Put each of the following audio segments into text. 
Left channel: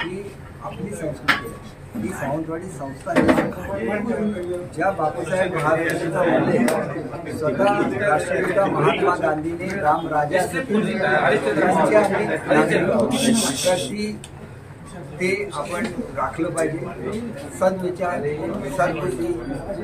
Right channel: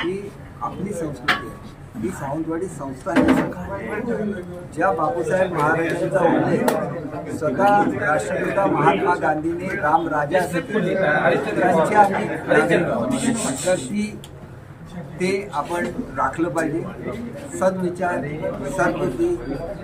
ही आपली संस्कृती आहे। ही सावंतवाडी संस्था आहे ज्या बापूसाहेब महाराजांचा उल्लेख स्वतः राष्ट्रपिता महात्मा गांधींनी रामराजा असे केले, त्यांच्या आम्ही नागरिक आहोत। तर ते आपण राखलं पाहिजे। सद्विचार सद्बुद्धी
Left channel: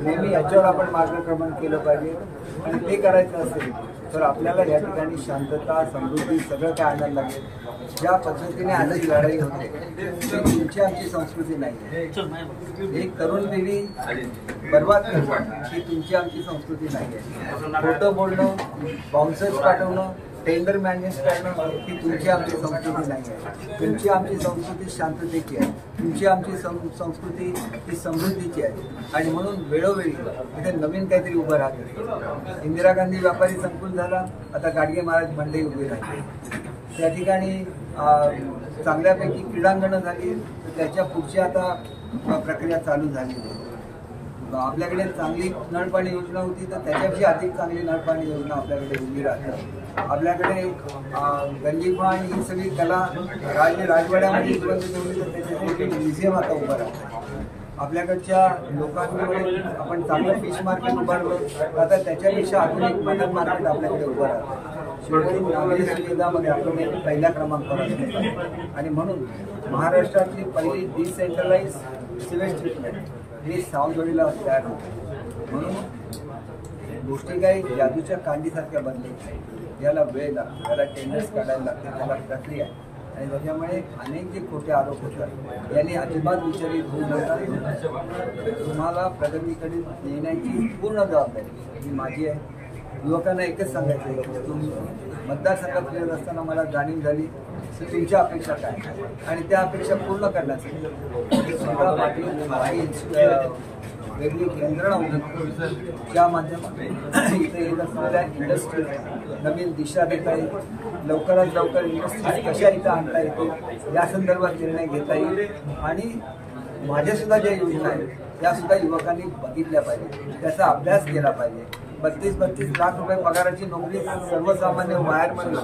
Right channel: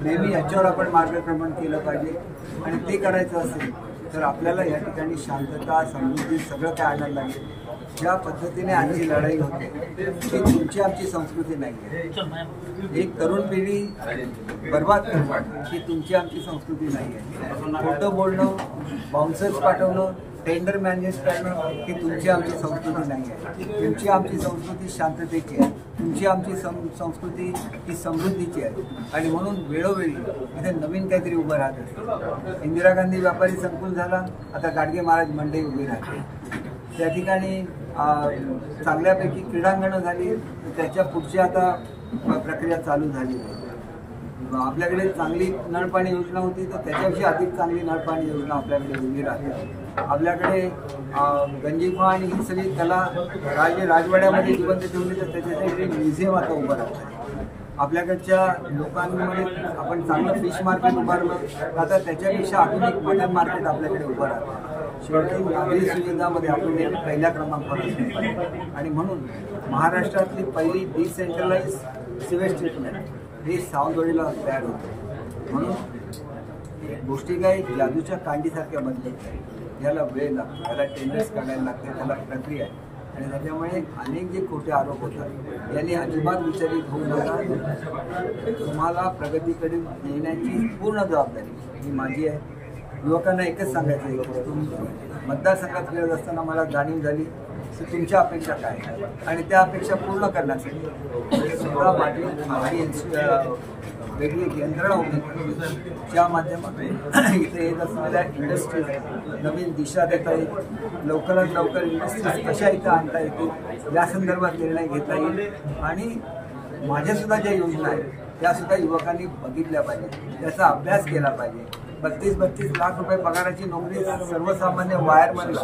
नेहमी याच्यावर आपण मार्गक्रमण केलं पाहिजे आणि ते करायचं असेल तर आपल्याला या ठिकाणी शांतता समृद्धी सगळं काय आणायला लागेल। ज्या पद्धतीने आजची लढाई होते ती तुमची आमची संस्कृती नाही आहे। एक तरुण पिढी बर्बाद करणं ही तुमची आमची संस्कृती नाही आहे। खोटं बोलणं, बाउन्सर्स पाठवणं, टेंडर मॅनेज करणं ही तुमची आमची संस्कृती नाही आहे। तुमची आमची संस्कृती शांततेची आहे, तुमची आमची संस्कृती ही समृद्धीची आहे आणि म्हणून वेळोवेळी इथे नवीन काहीतरी उभं राहते। इंदिरा गांधी व्यापारी संकुल झाला, आता गाडगे महाराज मंडई उभी राहते। त्या ठिकाणी चांगल्यापैकी क्रीडांगणं झाली, तर त्याच्या पुढची आता प्रक्रिया चालू झाली आहे। आपल्याकडे चांगली नळपाणी योजना होती तर त्याच्यापेक्षा अधिक चांगली नळपाणी योजना आपल्याकडे उभी राहते। आपल्याकडे गंजीफा आणि ही सगळी कला राजवाड्यामध्ये जिवंत ठेवली तर त्याच्यासाठी म्युझियम आता उभं राहतं। आपल्याकडच्या लोकांमुळे आपण चांगलं फिश मार्केट उभारलं, आता त्याच्यापेक्षा आधुनिक मटन मार्केट आपल्याकडे उभं राहतं। शेवटी नागरी सुविधामध्ये आपण पहिल्या क्रमांकावर असतो आणि म्हणून महाराष्ट्रातली पहिली डिसेंट्रलाइज सिवेज ट्रीटमेंट ही सावंतवाडीला तयार होते। म्हणून गोष्टी काही जादूच्या कांडीसारख्या बदलत नाही, याला वेळ लागतो, याला टेंडर्स काढायला लागते, त्याला प्रक्रिया आहे आणि त्याच्यामुळे अनेक जे खोटे आरोप होतात यांनी अजिबात विचलित होऊ नका। तुम्हाला प्रगतीकडे नेण्याची पूर्ण जबाबदारी ही माझी आहे। युवकांना एकच सांगायचं आहे की तुम्ही मतदारसंघात फिरत असताना मला जाणीव झाली की तुमच्या अपेक्षा काय आणि त्या अपेक्षा पूर्ण करण्यासाठी सुद्धा माझी वेगळी एक यंत्रणा उभी करतो, ज्या माध्यमातून इथे येत असलेल्या इंडस्ट्रीज नवीन दिशा देता येईल, लवकरात लवकर इंडस्ट्रीज कशा इथं आणता येतील या संदर्भात निर्णय घेता येईल आणि माझ्यासुद्धा ज्या योजना आहेत त्यासुद्धा युवकांनी बघितल्या पाहिजे, त्याचा अभ्यास केला पाहिजे। 32-32 लाख रुपये पगाराची नोकरी सर्वसामान्य वायरमनला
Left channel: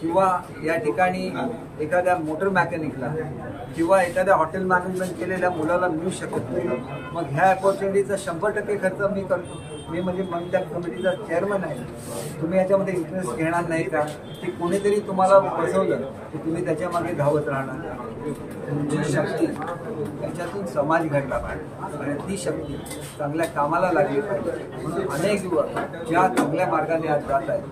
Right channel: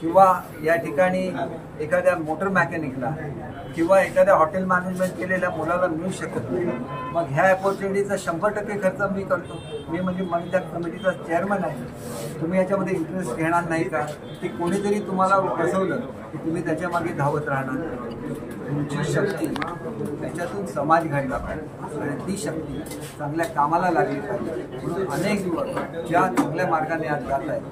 किंवा या ठिकाणी एखाद्या मोटर मेकॅनिकला किंवा एखाद्या हॉटेल मॅनेजमेंट केलेल्या मुलाला मिळू शकत नाही। मग ह्या अपॉर्च्युनिटीचा 100% खर्च मी करतो। मी म्हणजे मंडळ कमिटीचा चेअरमन आहे। तुम्ही याच्यामध्ये इंटरेस्ट घेणार नाही का? की कोणीतरी तुम्हाला फसवलं की तुम्ही त्याच्या मागे धावत राहणार? तुमची शक्ती त्याच्यातून समाज घडला पाहिजे आणि ती शक्ती चांगल्या कामाला लागली पाहिजे। म्हणून अनेक युवक ज्या चांगल्या मार्गाने आज जात आहेत,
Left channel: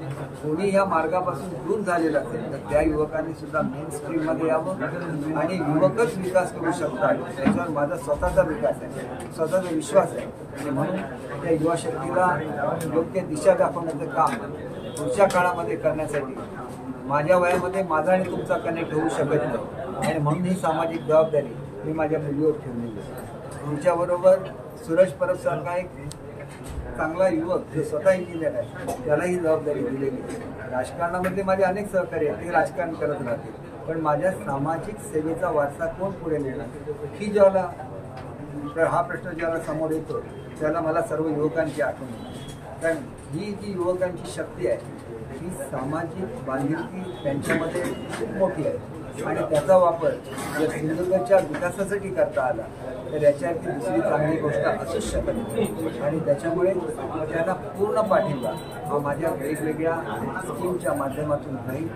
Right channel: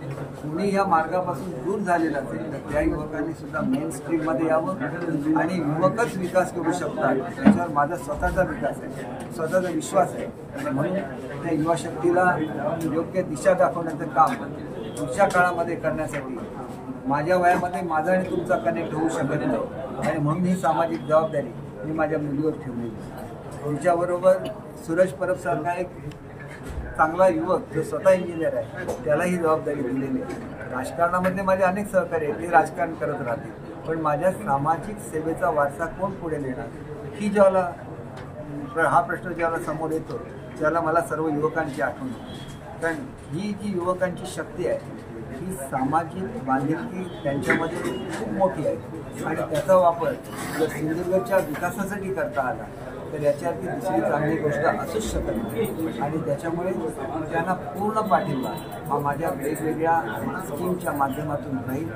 कोणी या मार्गापासून दूर झालेलं असेल तर त्या युवकांनी सुद्धा मेन स्ट्रीममध्ये यावं आणि युवकच विकास करू शकतात याच्यावर माझा स्वतःचा विकास आहे, स्वतःचा विश्वास आहे आणि म्हणून त्या युवा शक्तीला योग्य दिशा दाखवण्याचं काम पुढच्या काळामध्ये करण्यासाठी माझ्या वयामध्ये माझा आणि तुमचा कनेक्ट होऊ शकत नाही आणि म्हणून ही सामाजिक जबाबदारी मी माझ्या मुलीवर ठेवलेली आहे। तुमच्याबरोबर सूरज परबसारखा एक चांगला युवक जो स्वतः इंजिनियर आहे त्याला ही जबाबदारी दिलेली आहे। राजकारणामधले माझे अनेक सहकारी आहेत, ते राजकारण करत राहतील, पण माझ्या सामाजिक सेवेचा वारसा कोण पुढे नेणार ही ज्याला हा प्रश्न ज्याला समोर येतो त्याला मला सर्व युवकांची आठवण होते। कारण ही जी युवकांची शक्ती आहे ही सामाजिक बांधिलकी त्यांच्यामध्ये खूप मोठी आहे आणि त्याचा वापर जर सिंधुदुर्गच्या विकासासाठी करता आला तर याच्यावरती दुसरी चांगली गोष्ट असूच शकत नाही आणि त्याच्यामुळे त्यांना पूर्ण पाठिंबा हा माझ्या वेगवेगळ्या स्कीमच्या माध्यमातून राहील।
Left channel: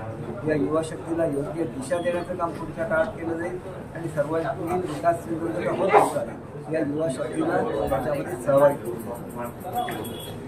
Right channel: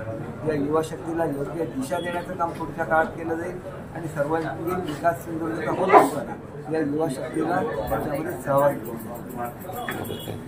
या युवा शक्तीला योग्य दिशा देण्याचं काम पुढच्या काळात केलं जाईल आणि सर्वांगीण विकास सिंधुदुर्गचा होत असताना या युवा शक्तीला त्याच्यामध्ये सहभागी करू।